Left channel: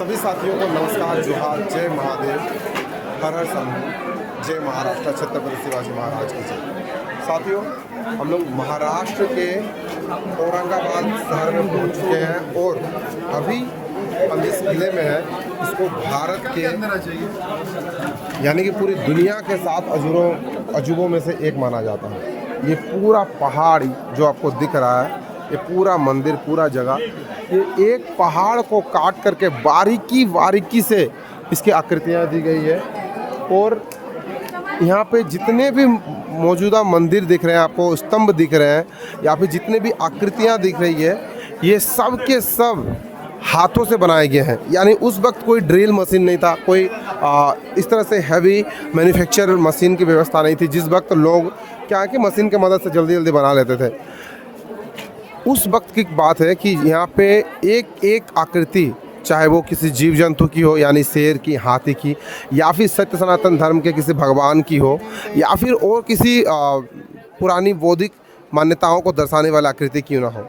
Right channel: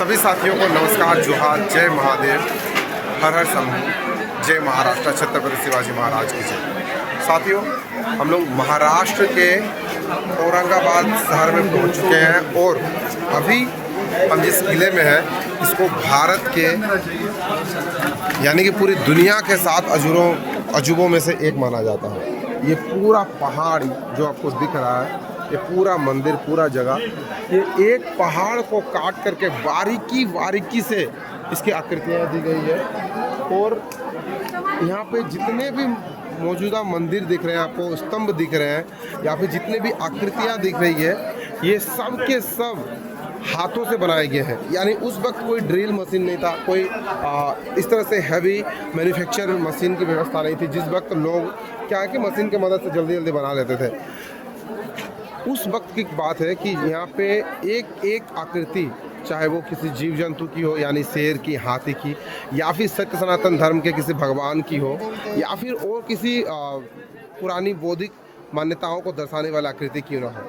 सभी साथियों को नमस्कार, जोहार, जय महादेव, हर हर शंभू, जय महाराष्ट्र, छत्रपति शिवाजी महाराज की जय। साथियों, हम लोग महाराष्ट्र के औरंगाबाद शहर में पहुंच चुके हैं और अभी हम जिस किले में हैं इसको भारत के यानी कि पूरी दुनिया के 7 अजूबों में से एक माना जाता है। ये पूरा पहाड़ जो आपको दिख रहा है, ये पूरा मंदिर, पूरा जगह, ये एक पहाड़ को काट करके बारीकी से इसकी आकृतियाँ दी गई है। और यहाँ पे जितने भी मौजूदा मंदिर दिख रहे हैं आपको, स्तंभ दिख रहे हैं या फिर जितने भी आकृतियाँ दिख रही है, ये सब के सब हाथों से बनाए गए हैं। यानी उस वक्त कोई ड्रिल मशीन नहीं था, कोई इस तरह से हैवी मैन्युफैक्चर मशीन की व्यवस्था नहीं थी। जिस वक्त लोग क्या है कि मशीन की मदद से जल्दी जल्दी बना लेते थे, उस वक्त की बात है कि यहाँ पे एक एक आकृति, चाहे वो किसी जीव जंतु की हो यानी शेर की, हाथी की, या फिर सत्य सनातन धर्म के किसी भगवान की हो, या फिर और किसी पुरानी बौद्धिक मान्यताओं को दर्शाने वाली आकृति क्यों ना हो,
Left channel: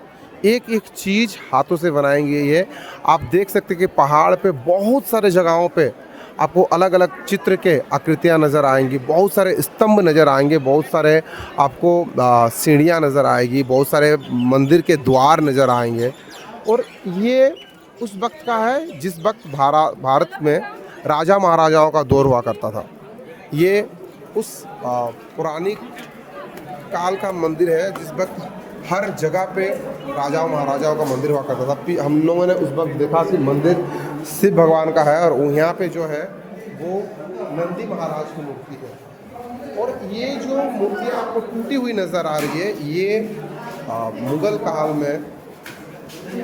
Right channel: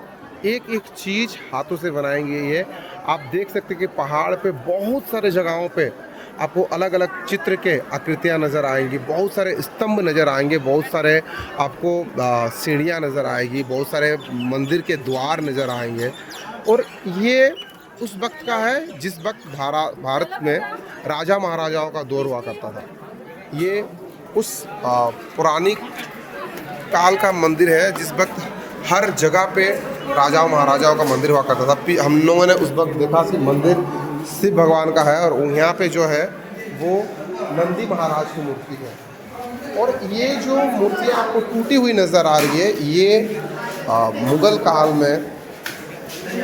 एक एक चीज़ हाथों से बनाएंगे। ये आप देख सकते हैं कि पहाड़ पे बहुत सारे जगहों पे आपको अलग अलग चित्र के आकृतियाँ नज़र आएंगी, बहुत सारे स्तंभ नज़र आएंगे, बहुत सारे आपको सीढ़ियाँ नज़र आएगी, बहुत सारे मंदिर के द्वार नज़र आएंगे। और ये उस वक्त का है जिस वक्त भारत में राजा महाराजाओं का दौर हुआ करता था। ये उस पुरानी काल का मंदिर है जिस वक्त हर जगह पे राजाओं महाराजाओं का मंदिर हुआ करता था। हम लोगों ने उस वक्त देखा कि मंदिर शिव भगवान का है और यहाँ पे जो है वो नंदी महाराज की मूर्ति है। और ये जो मूर्ति आपको टूटी हुई नज़र आ रही है, ये मुग़ल काल में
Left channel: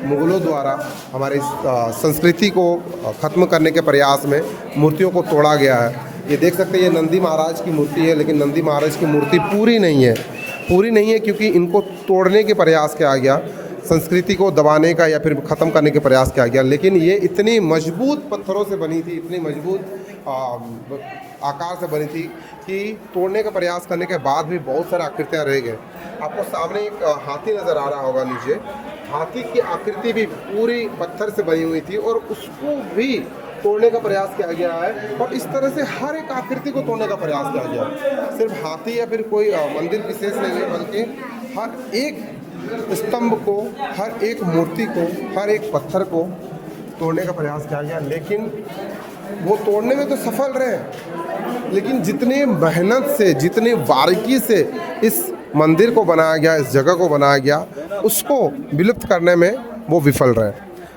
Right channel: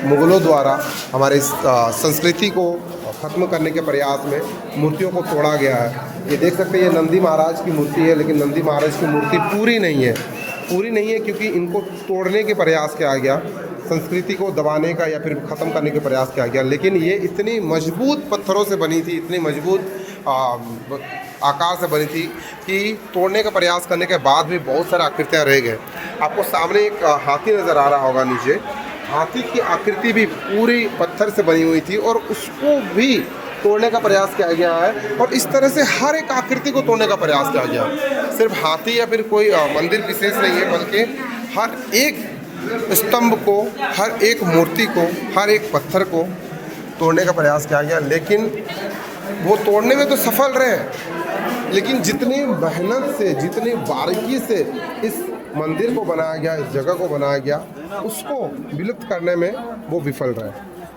मुग़लों द्वारा हमारे संस्कृति को ख़त्म करने के प्रयास में मूर्तियों को तोड़ा गया है। ये देख सकते हैं, ये नंदी महाराज की मूर्ति है, लेकिन नंदी महाराज की मूर्ति पूरी नहीं है क्योंकि इनको तोड़ने के प्रयास किया गया, संस्कृति को दबाने का या फिर ख़त्म करने के प्रयास किया गया। लेकिन ये इतनी मजबूत पत्थरों से बनी थी, इतनी मजबूत आकार से बनी थी कि तोड़ने का प्रयास करने के बाद भी बहुत सारे आकृतियाँ रह गए। आपको सामने एक हाथी नज़र आ रहा होगा नीचे, हाथी की आकृति भी पूरी पत्थर से बनी हुई थी और उसको भी तोड़ने का प्रयास किया गया है। और इस तरह से हर एक आकृति को तोड़ने का प्रयास किया गया। सिर्फ हाथी या फिर कोई मंदिर विशेष नहीं है, बल्कि हर एक स्तंभ को, हर एक मूर्ति को, हर एक पत्थर को तोड़ने का प्रयास किया गया। लेकिन वो तोड़ने में तो सफल रहे, लेकिन जितनी मेहनत से, जितनी बारीकी से इस मंदिर को बनाया गया, इस जगह को बनाया गया, उसको विलुप्त करने में वो विफल रहे।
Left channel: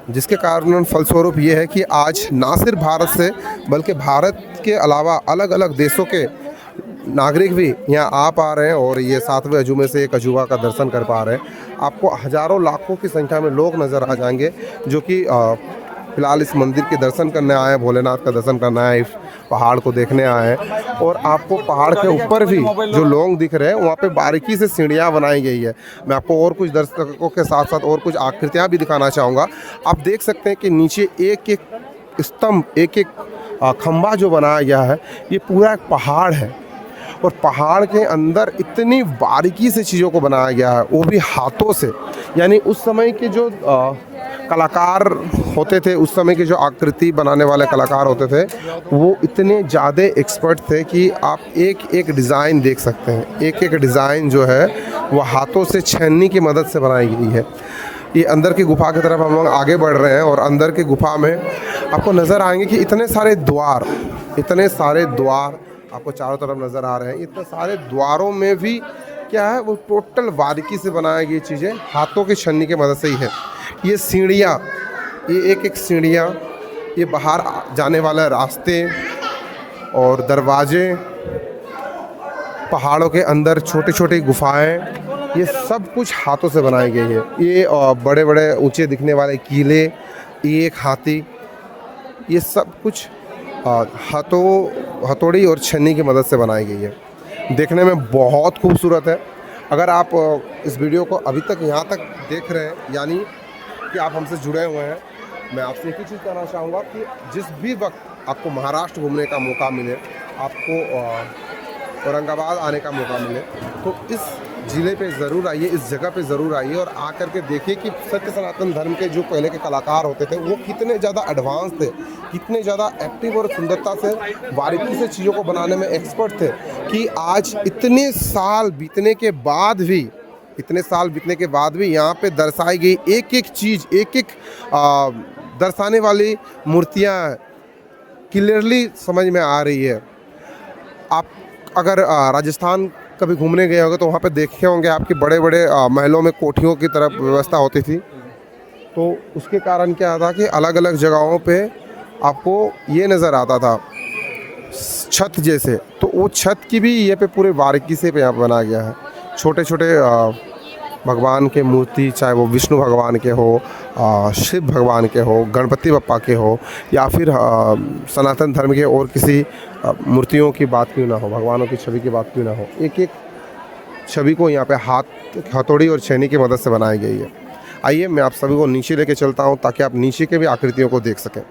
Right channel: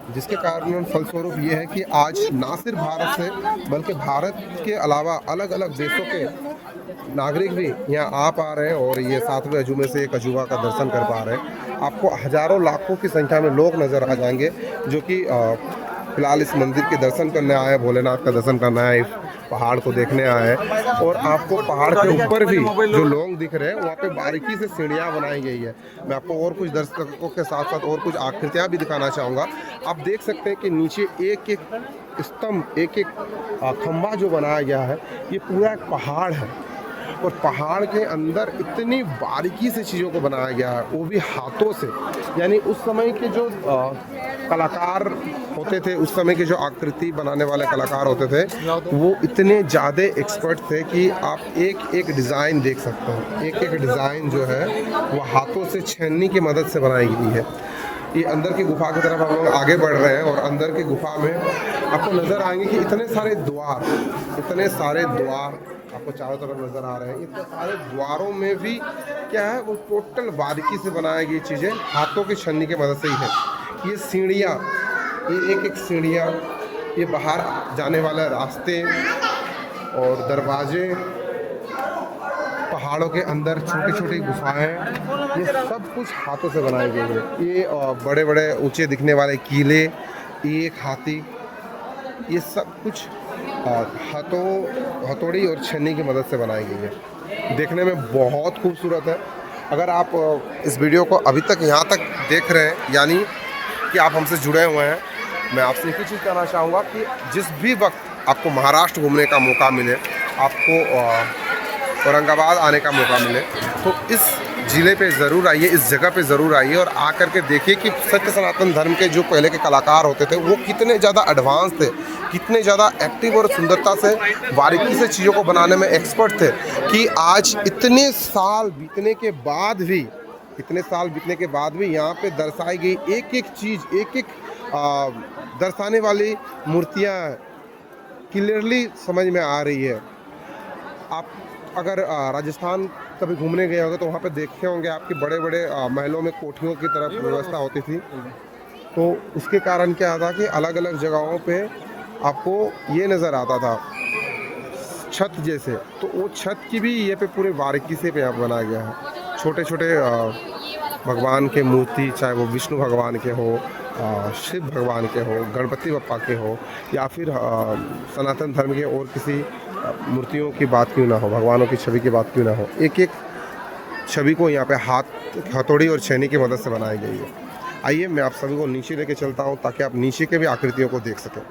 जिसके कारण फलस्वरूप ये है कि आज ना सिर्फ भारत से बल्कि भारत के अलावा अलग अलग देशों के नागरिक भी यहाँ आ पा रहे हैं और ये 7वें अजूबे से एक अजूबा का दर्शन कर पा रहे हैं। आपको हज़ारों लाखों की संख्या में लोग नज़र आ जाएंगे जो कि फ़िलहाल इस मंदिर के दर्शन करने आए हैं, भोलेनाथ का दर्शन करना है, इस पहाड़ को देखने आए हैं। और आपको पहाड़ के ऊपर भी जो लोग दिख रहे हैं वहाँ पे बारीकी से सीढ़ियाँ बनाई गई है। मैं आपको और कुछ दर्शकों के साथ साथ और कुछ आकृतियाँ भी दिखाना चाहूँगा। आप देख सकते हैं कि नीचे एक एक स्तंभ, एक एक खंभा जो बनाया गया है, ये पूरा एक पहाड़ है और पहाड़ के अंदर इतनी बारीकी से चीज़ों को बनाया गया है, वो भी हाथों से। यानी उस समय के जो कलाकार होते थे, उस समय के जो आकृति बनाने वाले कलाकार होते थे, वो इतने ज़्यादा एक्सपर्ट थे कि आप एक एक डिज़ाइन देख सकते हैं। एक एक डिज़ाइन जो है वो हाथों से छन्नी की मदद से बनाई गई है। ये अंदर की गुफा की तरफ हम लोग आगे बढ़ रहे हैं और अंदर की गुफा में आपको नज़र आएंगे कि इतने सारे द्वार आपको चारों तरफ नज़र आ रहे हैं। इतने सारे द्वारों में भी क्या है, वो टोटल बारीकी से बनाई गई चीज़ें हाथों की छन्नी की मदद से ही है। ये सीढ़ियाँ, ये एक एक सीढ़ियाँ, ये बाहर जाने वाले रास्ते और दरवाजे, पहाड़ों के अंदर छोटी छोटी गुफाएं, ये सब कुछ हाथों से बनाई गई है। ये बड़े बड़े ऊंचे दिखने वाले किले, एक हाथी, ये सब कुछ हथौड़ी और छन्नी की मदद से बनाई गई है। देखने में बहुत खूबसूरत है। अगर आप इस वीडियो को अभी तक यहाँ तक देख रहे हैं, यानी कि आप हमसे जुड़े हुए हैं, मैं आपसे एक ही चीज़ कहना चाहूँगा कि जिस भी वक्त आपको महाराष्ट्र घूमने का मौका मिले, आपको औरंगाबाद आने का मौका मिले, तो इस ज़िले पे ज़रूर आइए, इस जगह पे ज़रूर आइए और आकर के देखिए कि सत्य सनातन धर्म के जो पहले के कलाकार होते थे वो कितने ज़्यादा एडवांस थे, कितने ज़्यादा एक्टिव और सुंदरता से बारीकी से चीज़ों को बनाने में एक्सपर्ट थे कि आज इतने साल बीतने के बाद भी यहाँ पे दर्शाई गई एक एक चीज़, एक एक दर्शाने वाली मूर्तियाँ क्लियरली समझ में आ रही है। आप अगर राजस्थान कभी घूमने गए होंगे तो वहाँ पे देखे होंगे आपके बड़े बड़े महलों में कोठियों की तरफ व्यवस्था होती थी। तो उसके कारण क्या था कि अलग अलग जगहों पे आपको ये नज़र आता था छत जैसे, तो वो छत की भी ये पे पूरे बारीकी से पे यहाँ बना गया है। छोटे छोटे भगवान के मूर्ति, चाहे वो विष्णु भगवान के हो, शिव भगवान के हो, गणपति बप्पा के हो, या फिर सनातन धर्म के और किसी मूर्तियों की बात क्यों ना हो, भगवानों की छवि की बात क्यों ना हो, एक एक छवि को यहाँ पे हथौड़ी और छेनी की मदद से बनाई गई है। आइए मैं आप सभी को नीचे लेके चलता हूँ ताकि आप नीचे के भी आकृतियों को देख सकें।